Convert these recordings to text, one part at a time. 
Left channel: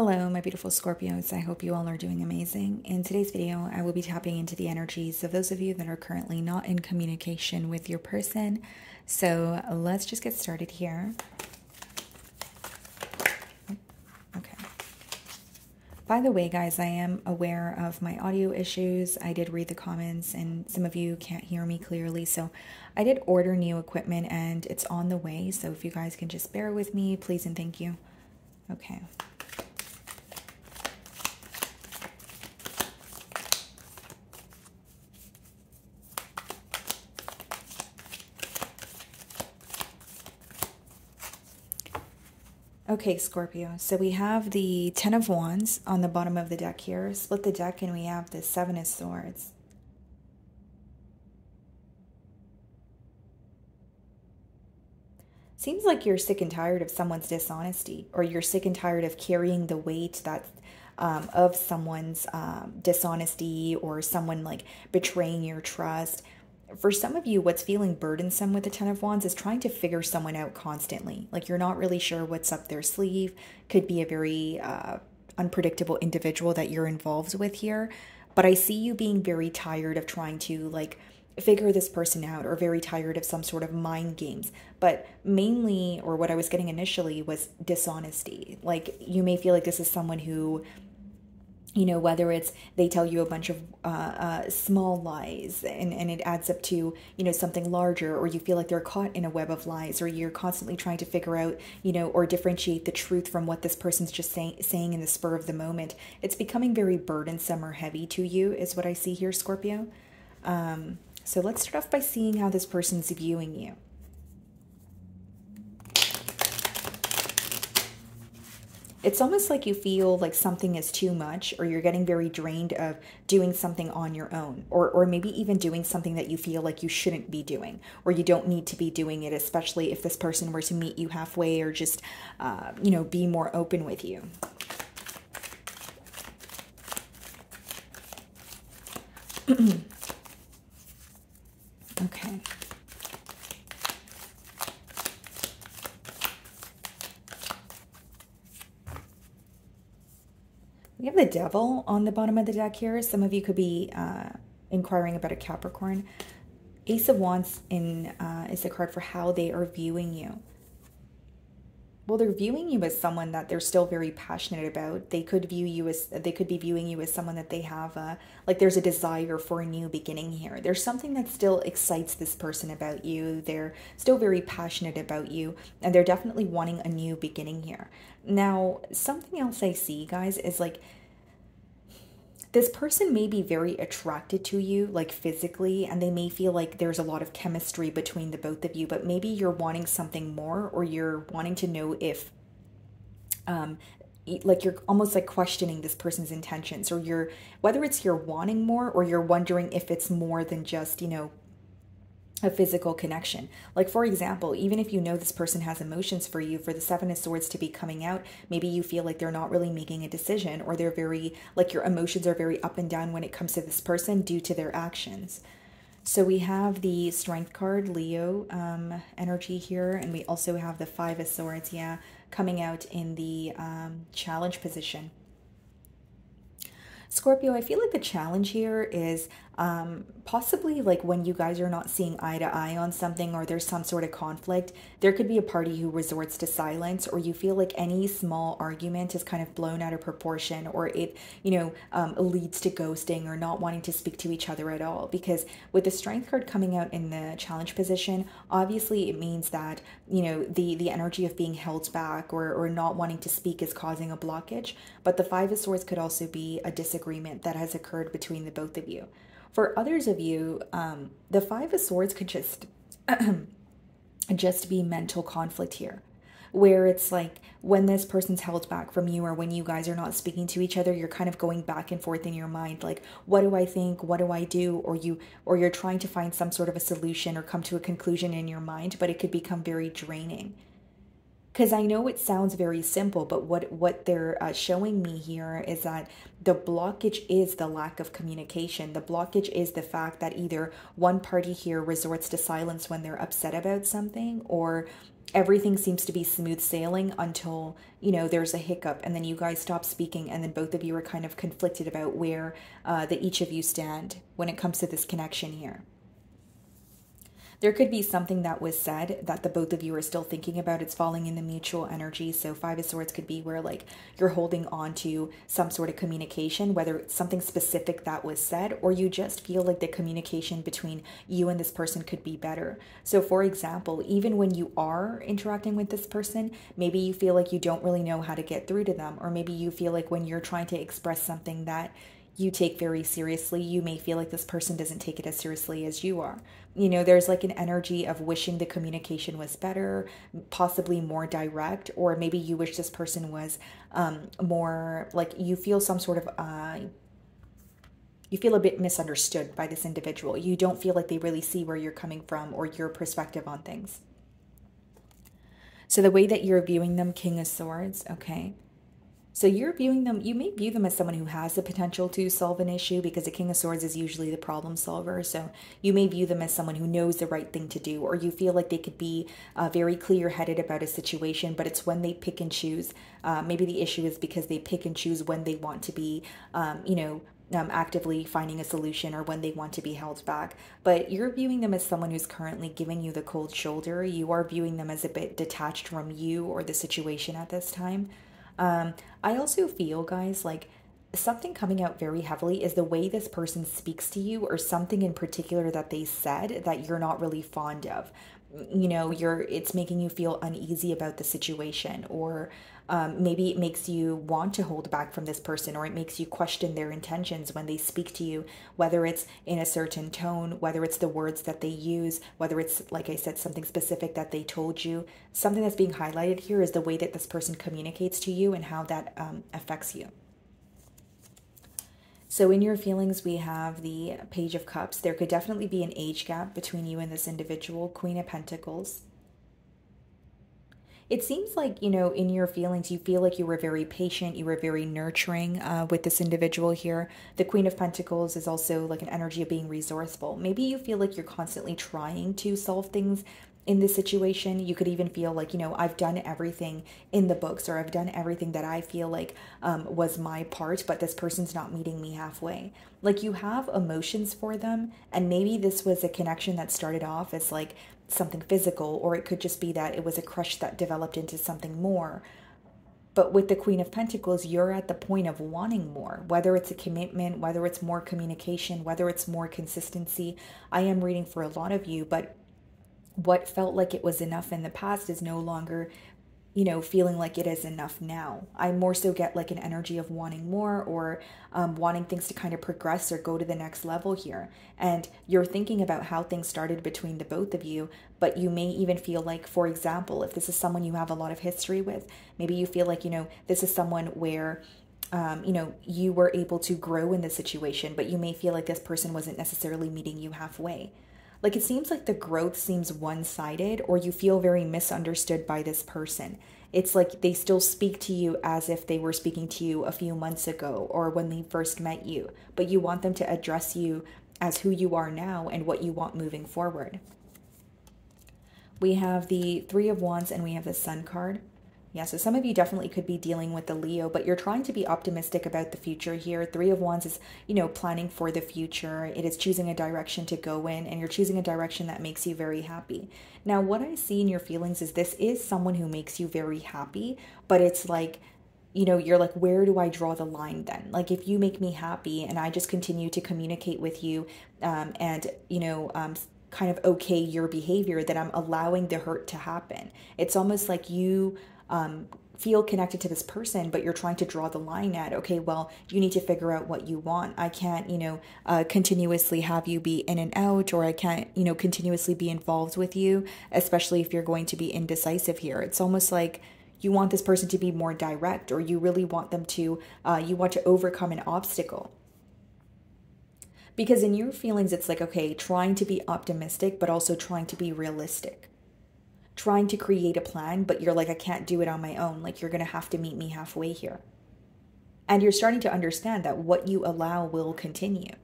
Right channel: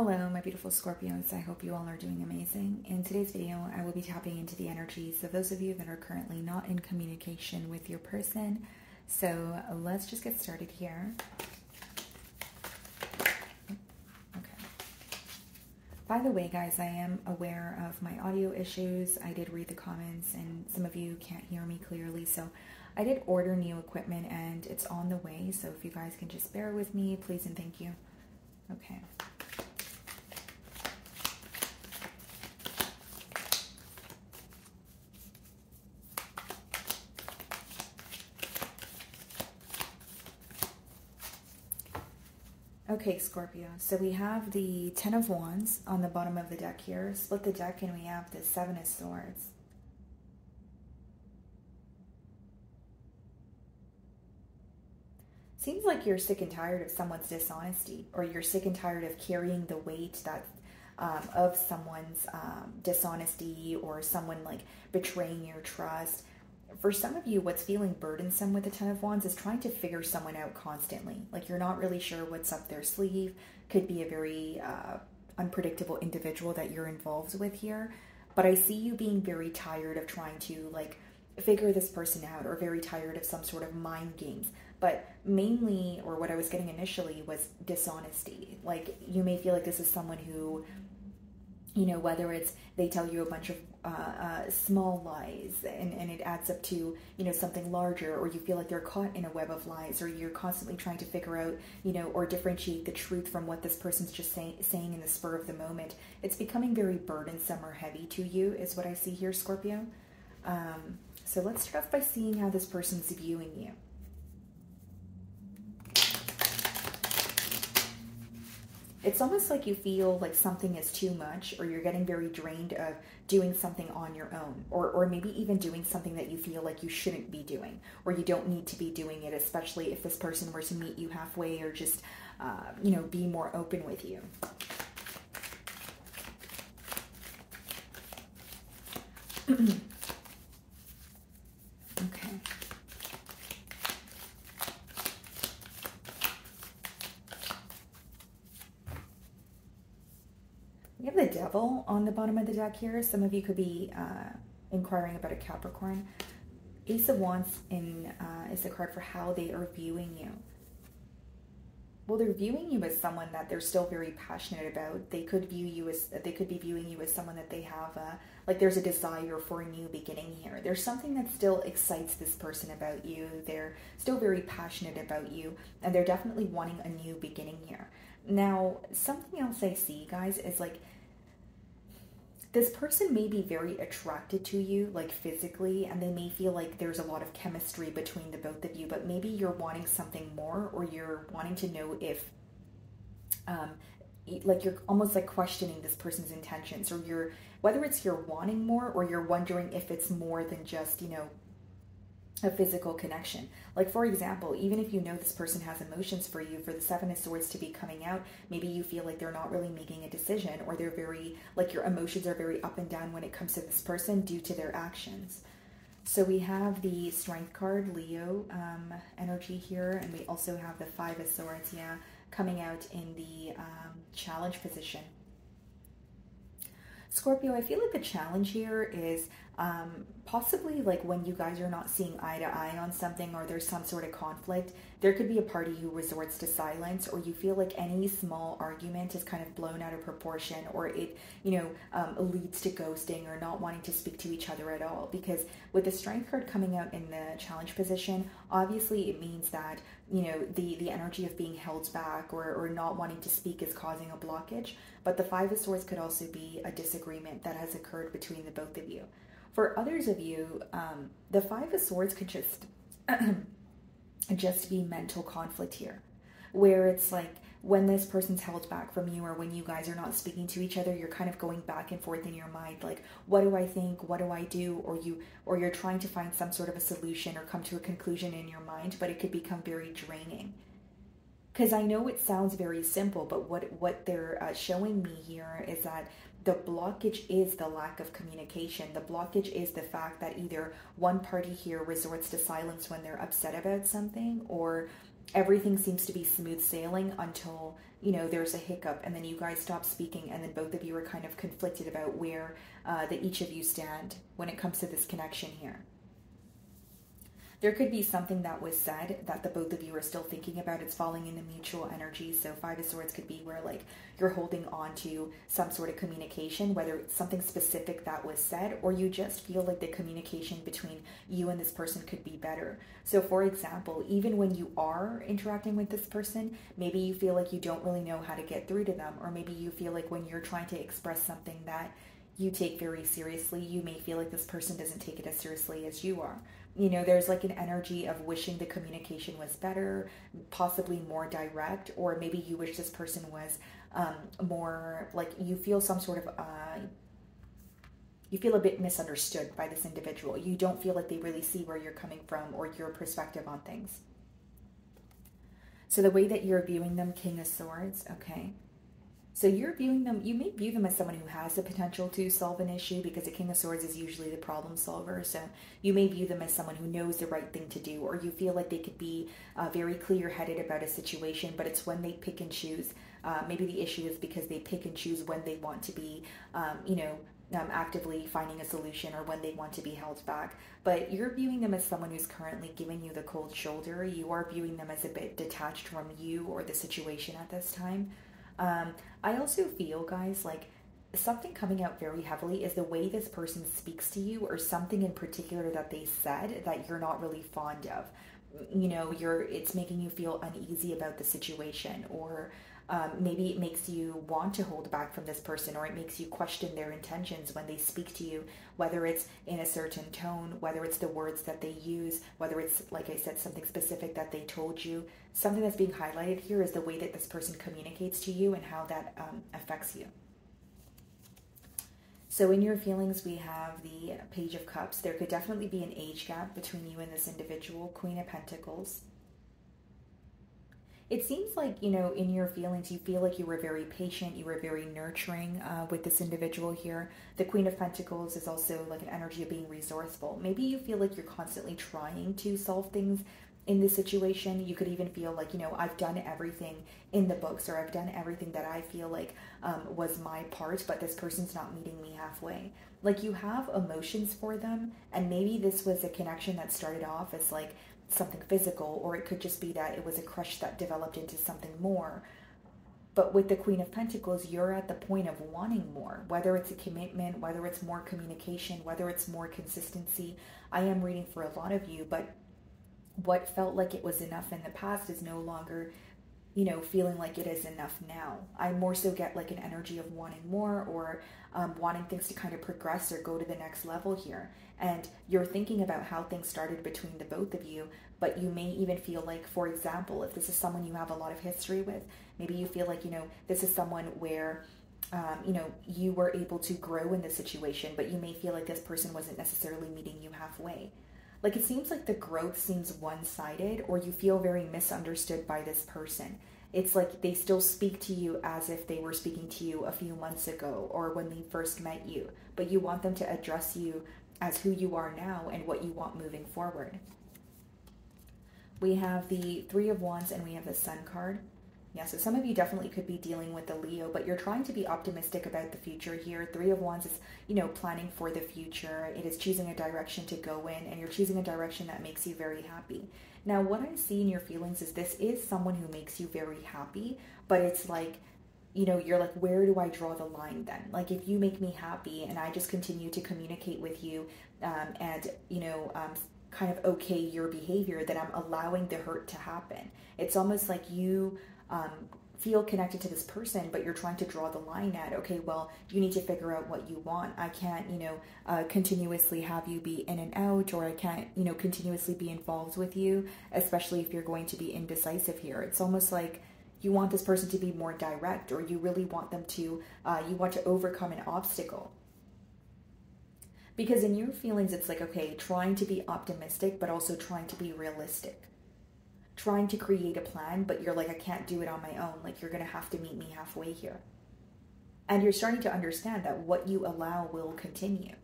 Hello, my beautiful Scorpios. I hope you all are doing amazing. In today's video, I will be tapping into the energies of those of you that are currently not in communication with your person. So let's just get started here. Okay. By the way, guys, I am aware of my audio issues. I did read the comments and some of you can't hear me clearly. So I did order new equipment and it's on the way. So if you guys can just bear with me, please and thank you. Okay. Okay, Scorpio, so we have the Ten of Wands on the bottom of the deck here. Split the deck and we have the Seven of Swords. Seems like you're sick and tired of someone's dishonesty, or you're sick and tired of carrying the weight that of someone's dishonesty, or someone like betraying your trust. For some of you, what's feeling burdensome with the Ten of Wands is trying to figure someone out constantly. Like you're not really sure what's up their sleeve. Could be a very unpredictable individual that you're involved with here. But I see you being very tired of trying to like figure this person out, or very tired of some sort of mind games. But mainly, or what I was getting initially, was dishonesty. Like you may feel like this is someone who, you know, whether it's they tell you a bunch of small lies and it adds up to, you know, something larger, or you feel like they're caught in a web of lies, or you're constantly trying to figure out, you know, or differentiate the truth from what this person's just saying in the spur of the moment. It's becoming very burdensome or heavy to you is what I see here, Scorpio. So let's start off by seeing how this person's viewing you. It's almost like you feel like something is too much, or you're getting very drained of doing something on your own, or maybe even doing something that you feel like you shouldn't be doing, or you don't need to be doing it, especially if this person were to meet you halfway, or just, you know, be more open with you. Okay. We have the Devil on the bottom of the deck here. Some of you could be inquiring about a Capricorn. Ace of Wands is the card for how they are viewing you. Well, they're viewing you as someone that they're still very passionate about. They could be viewing you as someone that they have like there's a desire for a new beginning here. There's something that still excites this person about you. They're still very passionate about you, and they're definitely wanting a new beginning here. Now, something else I see, guys, is like this person may be very attracted to you, like physically, and they may feel like there's a lot of chemistry between the both of you, but maybe you're wanting something more, or you're wanting to know if, like you're almost like questioning this person's intentions, or you're, whether it's you're wanting more, or you're wondering if it's more than just, you know, a physical connection. Like, for example, even if you know this person has emotions for you, for the Seven of Swords to be coming out, maybe you feel like they're not really making a decision, or they're very, like your emotions are very up and down when it comes to this person due to their actions. So we have the Strength card, Leo energy here, and we also have the Five of Swords, yeah, coming out in the challenge position. Scorpio, I feel like the challenge here is possibly like when you guys are not seeing eye to eye on something, or there's some sort of conflict, there could be a party who resorts to silence, or you feel like any small argument is kind of blown out of proportion, or it, you know, leads to ghosting or not wanting to speak to each other at all. Because with the Strength card coming out in the challenge position, obviously it means that, you know, the energy of being held back, or not wanting to speak is causing a blockage. But the Five of Swords could also be a disagreement that has occurred between the both of you. For others of you, the Five of Swords could just be mental conflict here, where it's like when this person's held back from you, or when you guys are not speaking to each other, you're kind of going back and forth in your mind, like, what do I think, what do I do, or you're trying to find some sort of a solution or come to a conclusion in your mind, but it could become very draining. Because I know it sounds very simple, but what they're showing me here is that the blockage is the lack of communication. The blockage is the fact that either one party here resorts to silence when they're upset about something, or everything seems to be smooth sailing until, you know, there's a hiccup, and then you guys stop speaking, and then both of you are kind of conflicted about where that each of you stand when it comes to this connection here. There could be something that was said that the both of you are still thinking about. It's falling in the mutual energy. So Five of Swords could be where like you're holding on to some sort of communication, whether it's something specific that was said, or you just feel like the communication between you and this person could be better. So for example, even when you are interacting with this person, maybe you feel like you don't really know how to get through to them, or maybe you feel like when you're trying to express something that you take very seriously, you may feel like this person doesn't take it as seriously as you are. You know, there's like an energy of wishing the communication was better, possibly more direct, or maybe you wish this person was more like you feel some sort of, you feel a bit misunderstood by this individual. You don't feel like they really see where you're coming from or your perspective on things. So the way that you're viewing them, King of Swords, okay. So you're viewing them, you may view them as someone who has the potential to solve an issue, because the King of Swords is usually the problem solver. So you may view them as someone who knows the right thing to do, or you feel like they could be very clear-headed about a situation, but it's when they pick and choose. Maybe the issue is because they pick and choose when they want to be, actively finding a solution, or when they want to be held back. But you're viewing them as someone who's currently giving you the cold shoulder. You are viewing them as a bit detached from you or the situation at this time. I also feel, guys, like something coming out very heavily is the way this person speaks to you, or something in particular that they said that you're not really fond of. You know, it's making you feel uneasy about the situation, or maybe it makes you want to hold back from this person, or it makes you question their intentions when they speak to you, whether it's in a certain tone, whether it's the words that they use, whether it's, like I said, something specific that they told you. Something that's being highlighted here is the way that this person communicates to you and how that affects you. So in your feelings, we have the Page of Cups. There could definitely be an age gap between you and this individual. Queen of Pentacles. It seems like, you know, in your feelings, you feel like you were very patient, you were very nurturing with this individual here. The Queen of Pentacles is also like an energy of being resourceful. Maybe you feel like you're constantly trying to solve things in this situation. You could even feel like, you know, I've done everything in the books, or I've done everything that I feel like was my part, but this person's not meeting me halfway. Like, you have emotions for them, and maybe this was a connection that started off as like something physical, or it could just be that it was a crush that developed into something more. But with the Queen of Pentacles, you're at the point of wanting more, whether it's a commitment, whether it's more communication, whether it's more consistency. I am reading for a lot of you, but what felt like it was enough in the past is no longer, you know, feeling like it is enough now. I more so get like an energy of wanting more, or wanting things to kind of progress or go to the next level here. And you're thinking about how things started between the both of you, but you may even feel like, for example, if this is someone you have a lot of history with, maybe you feel like, you know, this is someone where you know, you were able to grow in the situation, but you may feel like this person wasn't necessarily meeting you halfway. Like, it seems like the growth seems one-sided, or you feel very misunderstood by this person. It's like they still speak to you as if they were speaking to you a few months ago, or when they first met you, but you want them to address you as who you are now and what you want moving forward. We have the Three of Wands, and we have the Sun card. Yeah, so some of you definitely could be dealing with the Leo, but you're trying to be optimistic about the future here. Three of Wands is, you know, planning for the future. It is choosing a direction to go in, and you're choosing a direction that makes you very happy. Now, what I see in your feelings is this is someone who makes you very happy, but it's like, you know, you're like, where do I draw the line then? Like, if you make me happy and I just continue to communicate with you and, you know, kind of okay your behavior, that I'm allowing the hurt to happen. It's almost like you feel connected to this person, but you're trying to draw the line at, okay, well, you need to figure out what you want. I can't, you know, continuously have you be in and out, or I can't, you know, continuously be involved with you, especially if you're going to be indecisive here. It's almost like you want this person to be more direct, or you really want them to, you want to overcome an obstacle. Because in your feelings, it's like, okay, trying to be optimistic, but also trying to be realistic. Trying to create a plan, but you're like, I can't do it on my own. Like, you're going to have to meet me halfway here. And you're starting to understand that what you allow will continue.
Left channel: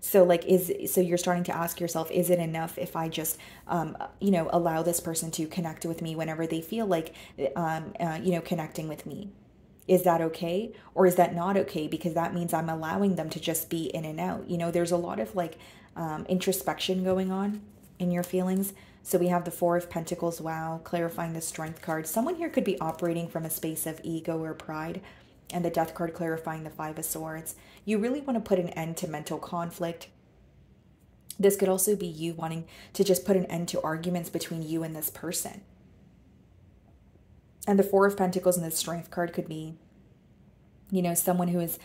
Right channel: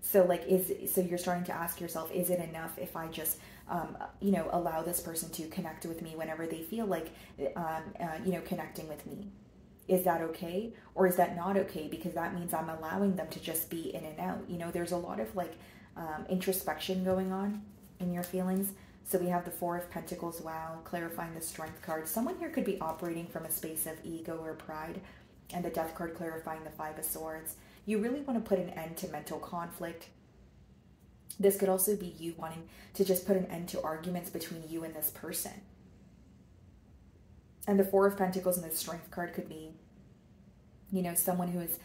So like, so you're starting to ask yourself, is it enough if I just, you know, allow this person to connect with me whenever they feel like, you know, connecting with me? Is that okay? Or is that not okay? Because that means I'm allowing them to just be in and out. You know, there's a lot of like introspection going on in your feelings. So we have the Four of Pentacles, wow, clarifying the Strength card. Someone here could be operating from a space of ego or pride, and the Death card clarifying the Five of Swords. You really want to put an end to mental conflict. This could also be you wanting to just put an end to arguments between you and this person. And the Four of Pentacles and the Strength card could be, you know, someone who is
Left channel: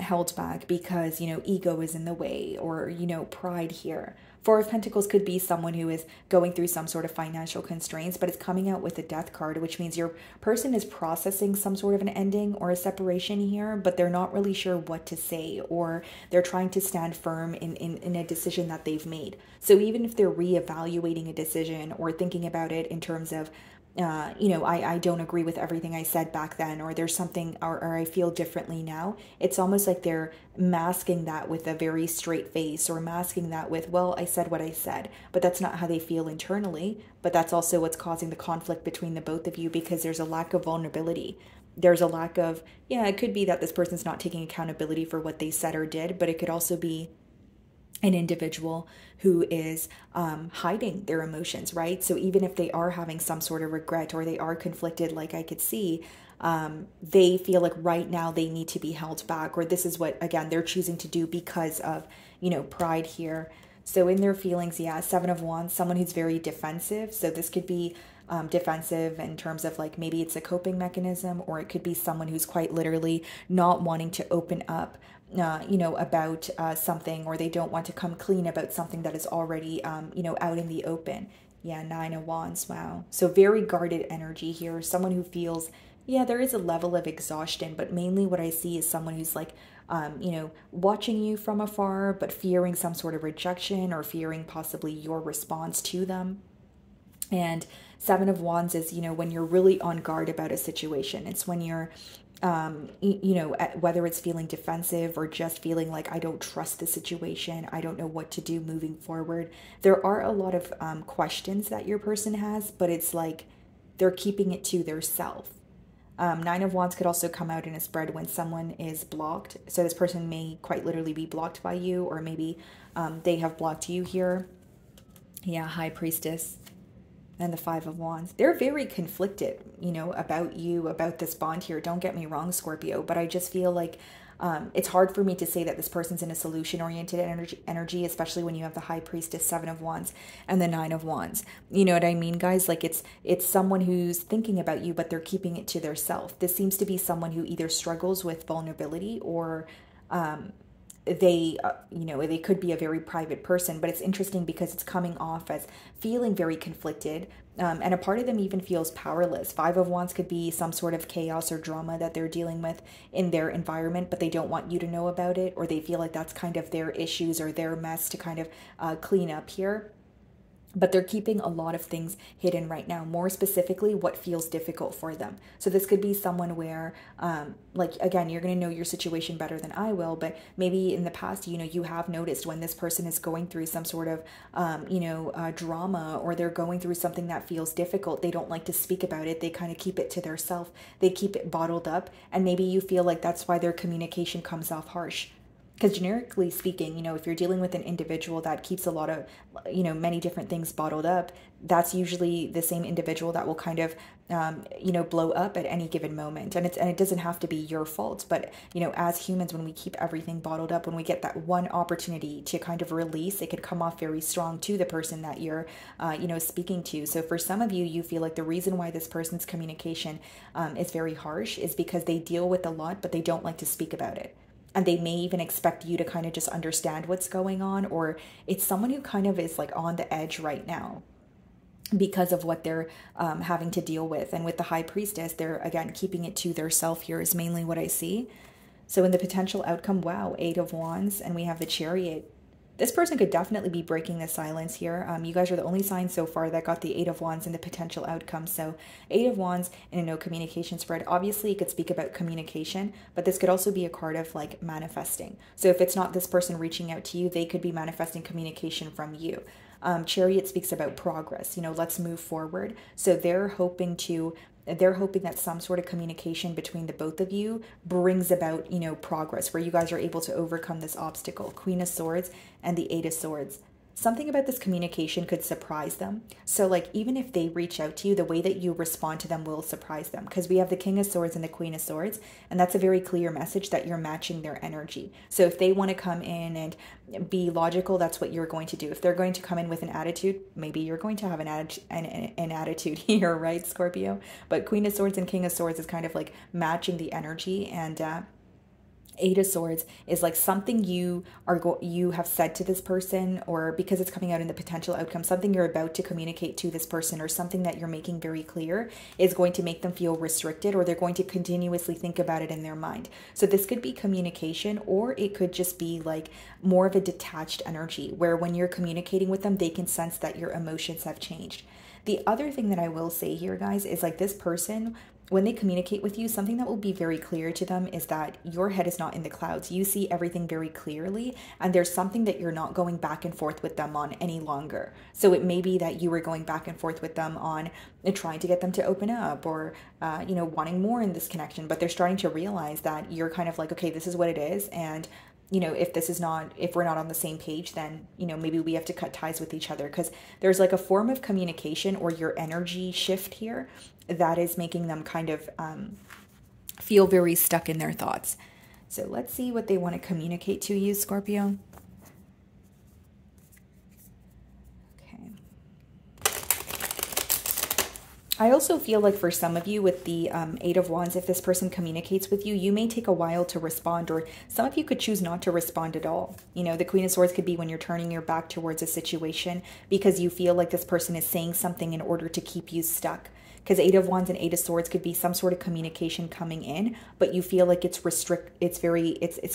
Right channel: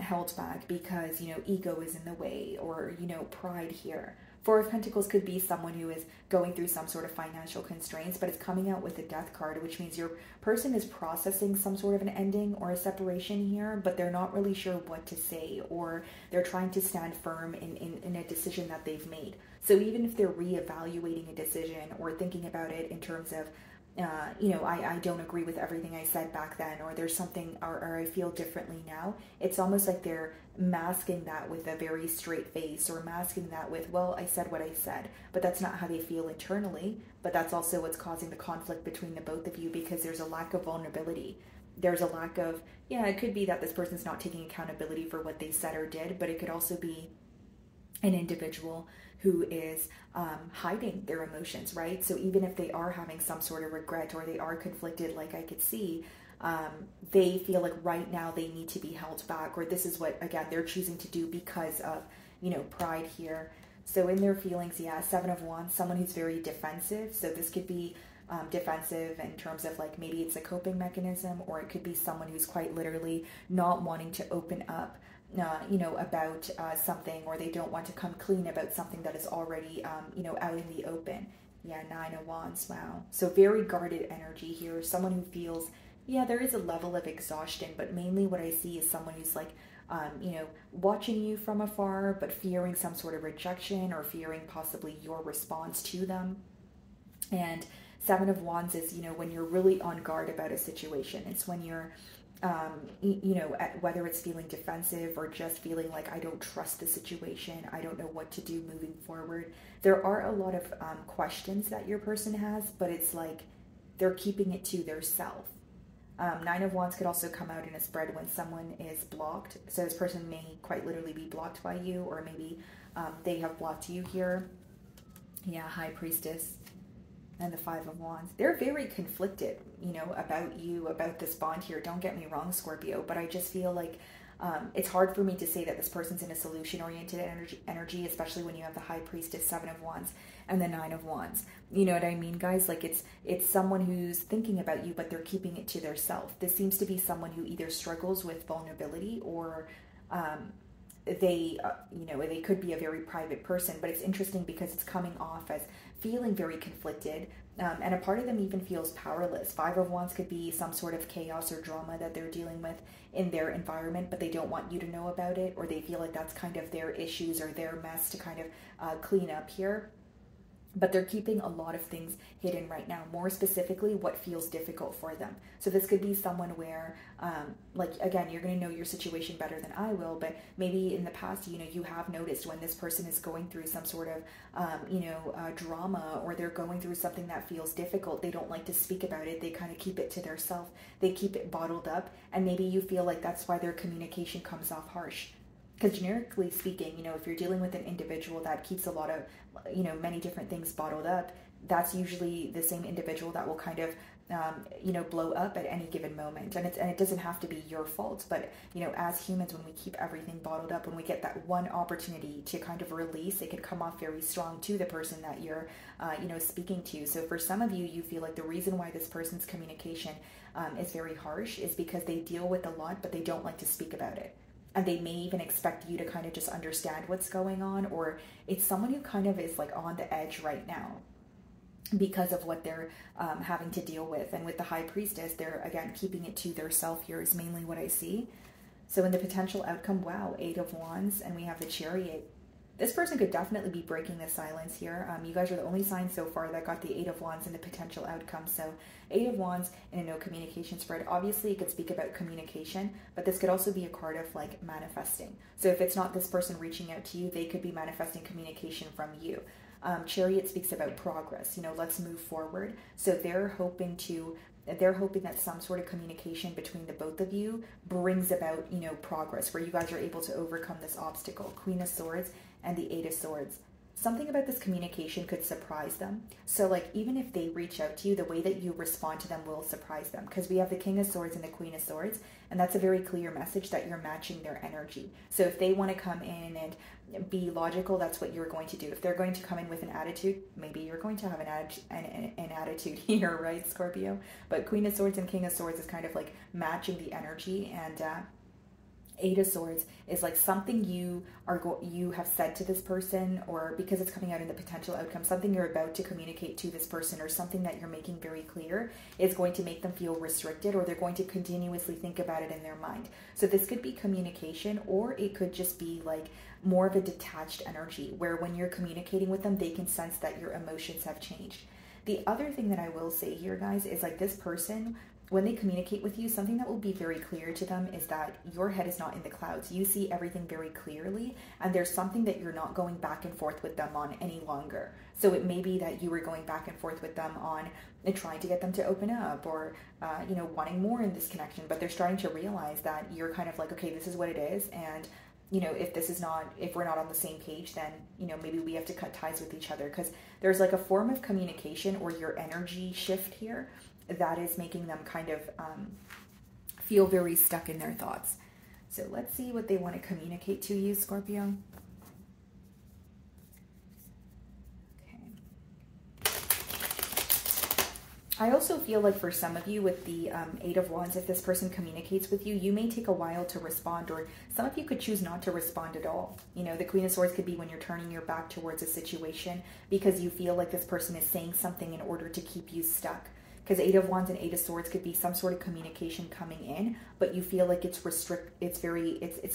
held back because, you know, ego is in the way, or, you know, pride here. Four of Pentacles could be someone who is going through some sort of financial constraints, but it's coming out with the Death card, which means your person is processing some sort of an ending or a separation here, but they're not really sure what to say, or they're trying to stand firm in a decision that they've made. So even if they're reevaluating a decision or thinking about it in terms of, you know, I don't agree with everything I said back then, or there's something, or I feel differently now. It's almost like they're masking that with a very straight face, or masking that with, well, I said what I said, but that's not how they feel internally. But that's also what's causing the conflict between the both of you, because there's a lack of vulnerability. There's a lack of, yeah, it could be that this person's not taking accountability for what they said or did, but it could also be an individual who is hiding their emotions, right? So even if they are having some sort of regret, or they are conflicted, like I could see, they feel like right now they need to be held back, or this is what, again, they're choosing to do because of, you know, pride here. So in their feelings, yeah, Seven of Wands, someone who's very defensive. So this could be defensive in terms of like, maybe it's a coping mechanism, or it could be someone who's quite literally not wanting to open up, you know, about something, or they don't want to come clean about something that is already, you know, out in the open. Yeah, Nine of Wands, wow. So very guarded energy here. Someone who feels, yeah, there is a level of exhaustion, but mainly what I see is someone who's like, you know, watching you from afar, but fearing some sort of rejection, or fearing possibly your response to them. And Seven of Wands is, you know, when you're really on guard about a situation. It's when you're, you know, whether it's feeling defensive or just feeling like, I don't trust the situation, I don't know what to do moving forward. There are a lot of questions that your person has, but it's like they're keeping it to their self. Nine of Wands could also come out in a spread when someone is blocked. So this person may quite literally be blocked by you, or maybe they have blocked you here. Yeah, High Priestess. And the Five of Wands. They're very conflicted, you know, about you, about this bond here. Don't get me wrong, Scorpio, but I just feel like it's hard for me to say that this person's in a solution-oriented energy, especially when you have the High Priestess, Seven of Wands, and the Nine of Wands. You know what I mean, guys? Like it's someone who's thinking about you, but they're keeping it to their self. This seems to be someone who either struggles with vulnerability, or they, you know, they could be a very private person. But it's interesting because it's coming off as feeling very conflicted, and a part of them even feels powerless. Five of Wands could be some sort of chaos or drama that they're dealing with in their environment, but they don't want you to know about it, or they feel like that's kind of their issues or their mess to kind of clean up here. But they're keeping a lot of things hidden right now, more specifically what feels difficult for them. So this could be someone where, like, again, you're going to know your situation better than I will, but maybe in the past, you know, you have noticed when this person is going through some sort of, you know, drama, or they're going through something that feels difficult. They don't like to speak about it. They kind of keep it to themselves. They keep it bottled up. And maybe you feel like that's why their communication comes off harsh. Because generically speaking, you know, if you're dealing with an individual that keeps a lot of, you know, many different things bottled up, that's usually the same individual that will kind of, you know, blow up at any given moment. And it doesn't have to be your fault. But, you know, as humans, when we keep everything bottled up, when we get that one opportunity to kind of release, it could come off very strong to the person that you're, you know, speaking to. So for some of you, you feel like the reason why this person's communication is very harsh is because they deal with a lot, but they don't like to speak about it. And they may even expect you to kind of just understand what's going on, or it's someone who kind of is like on the edge right now because of what they're having to deal with. And with the High Priestess, they're, again, keeping it to their self here is mainly what I see. So in the potential outcome, wow, Eight of Wands, and we have the Chariot. This person could definitely be breaking the silence here. You guys are the only sign so far that got the Eight of Wands and the potential outcome. So Eight of Wands and a no communication spread. Obviously, it could speak about communication, but this could also be a card of like manifesting. So if it's not this person reaching out to you, they could be manifesting communication from you. Chariot speaks about progress, let's move forward. So they're hoping that some sort of communication between the both of you brings about, progress, where you guys are able to overcome this obstacle. Queen of Swords and the Eight of Swords. Something about this communication could surprise them. So like, even if they reach out to you, the way that you respond to them will surprise them, because we have the King of Swords and the Queen of Swords, and that's a very clear message that you're matching their energy. So if they want to come in and be logical, that's what you're going to do. If they're going to come in with an attitude, maybe you're going to have an attitude here, right, Scorpio? But Queen of Swords and King of Swords is kind of like matching the energy, and Eight of Swords is like something you have said to this person, or because it's coming out in the potential outcome, something you're about to communicate to this person, or something that you're making very clear is going to make them feel restricted, or they're going to continuously think about it in their mind. So this could be communication, or it could just be like more of a detached energy, where when you're communicating with them, they can sense that your emotions have changed. The other thing that I will say here, guys, is like this person, when they communicate with you, something that will be very clear to them is that your head is not in the clouds. You see everything very clearly, and there's something that you're not going back and forth with them on any longer. So it may be that you were going back and forth with them on trying to get them to open up, or wanting more in this connection, but they're starting to realize that you're kind of like, okay, this is what it is, and if we're not on the same page, then maybe we have to cut ties with each other, because there's like a form of communication or your energy shift here that is making them kind of feel very stuck in their thoughts. So let's see what they want to communicate to you, Scorpio. Okay. I also feel like for some of you with the Eight of Wands, if this person communicates with you, you may take a while to respond, or some of you could choose not to respond at all. The Queen of Swords could be when you're turning your back towards a situation because you feel like this person is saying something in order to keep you stuck. Because Eight of Wands and Eight of Swords could be some sort of communication coming in, but you feel like it's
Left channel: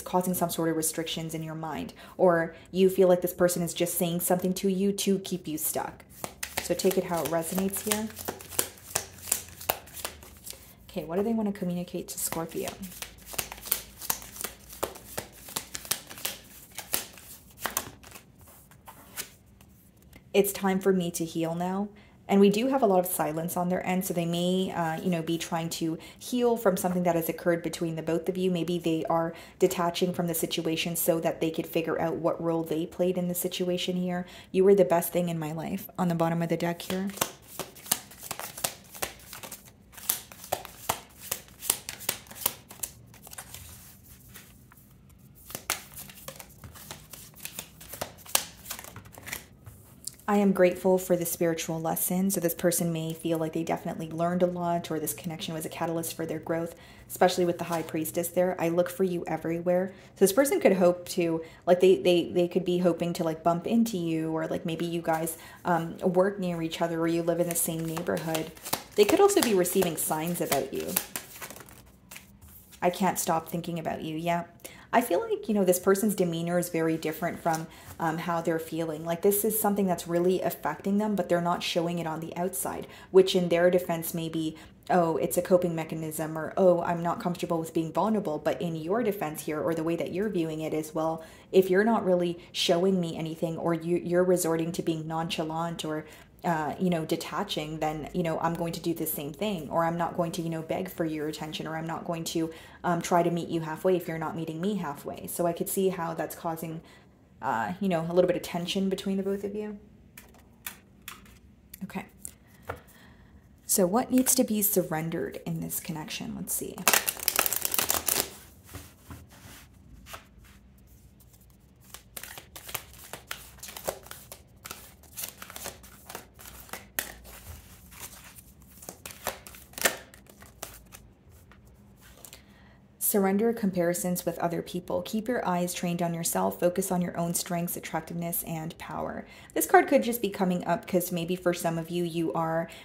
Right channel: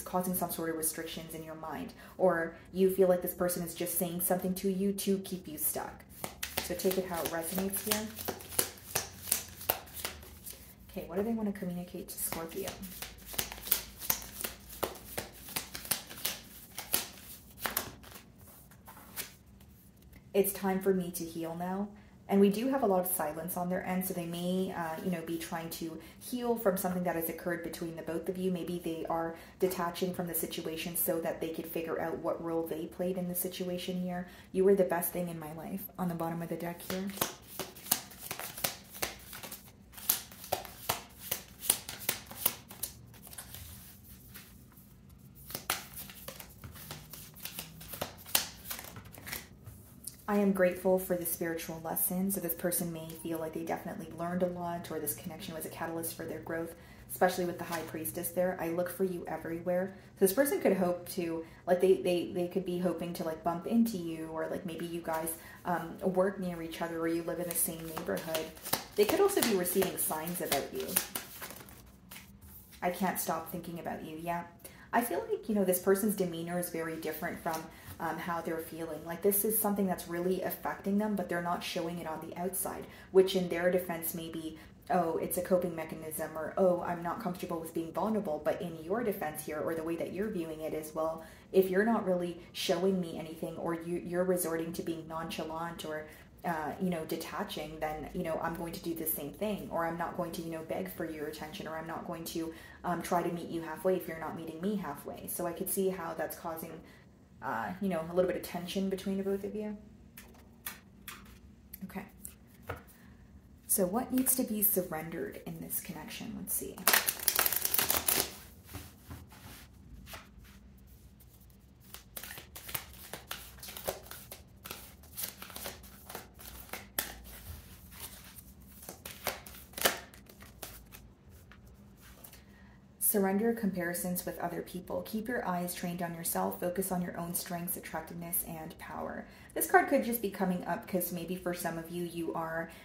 causing some sort of restrictions in your mind, or you feel like this person is just saying something to you to keep you stuck. So take it how it resonates here. Okay, what do they want to communicate to Scorpio? It's time for me to heal now. And we do have a lot of silence on their end, so they may, be trying to heal from something that has occurred between the both of you. Maybe they are detaching from the situation so that they could figure out what role they played in the situation here. You were the best thing in my life on the bottom of the deck here. I am grateful for the spiritual lesson. So this person may feel like they definitely learned a lot, or this connection was a catalyst for their growth, especially with the High Priestess there. I look for you everywhere. So this person could hope to, like, they could be hoping to like bump into you, or like maybe you guys work near each other, or you live in the same neighborhood. They could also be receiving signs about you. I can't stop thinking about you. Yeah. I feel like, this person's demeanor is very different from how they're feeling. Like this is something that's really affecting them, but they're not showing it on the outside, which in their defense may be, oh, it's a coping mechanism, or, oh, I'm not comfortable with being vulnerable. But in your defense here, or the way that you're viewing it is, well, if you're not really showing me anything, or you're resorting to being nonchalant, or detaching, then, I'm going to do the same thing, or I'm not going to, beg for your attention, or I'm not going to try to meet you halfway if you're not meeting me halfway. So I could see how that's causing, a little bit of tension between the both of you. Okay. So what needs to be surrendered in this connection? Let's see. Surrender comparisons with other people. Keep your eyes trained on yourself. Focus on your own strengths, attractiveness, and power. This card could just be coming up because maybe for some of you,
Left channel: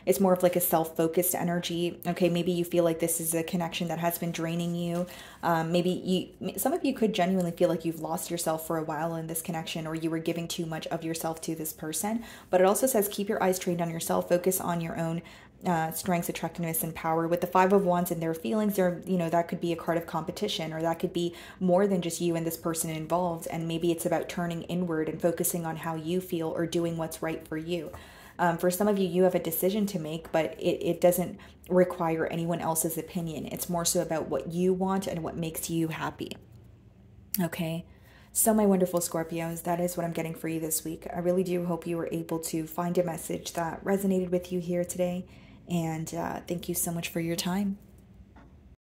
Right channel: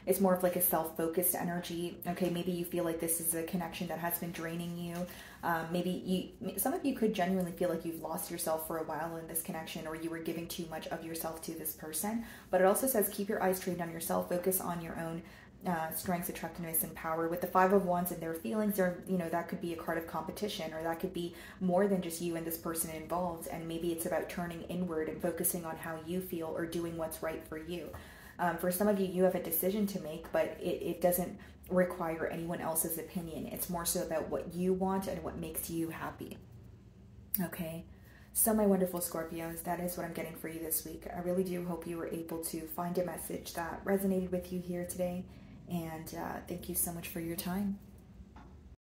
it's more of like a self-focused energy. Okay, maybe you feel like this is a connection that has been draining you. Some of you could genuinely feel like you've lost yourself for a while in this connection, or you were giving too much of yourself to this person. But it also says keep your eyes trained on yourself. Focus on your own strengths, attractiveness, and power. With the Five of Wands and their feelings, that could be a card of competition, or that could be more than just you and this person involved. And maybe it's about turning inward and focusing on how you feel or doing what's right for you. For some of you, you have a decision to make, but it doesn't require anyone else's opinion. It's more so about what you want and what makes you happy. Okay. So my wonderful Scorpios, that is what I'm getting for you this week. I really do hope you were able to find a message that resonated with you here today. And thank you so much for your time.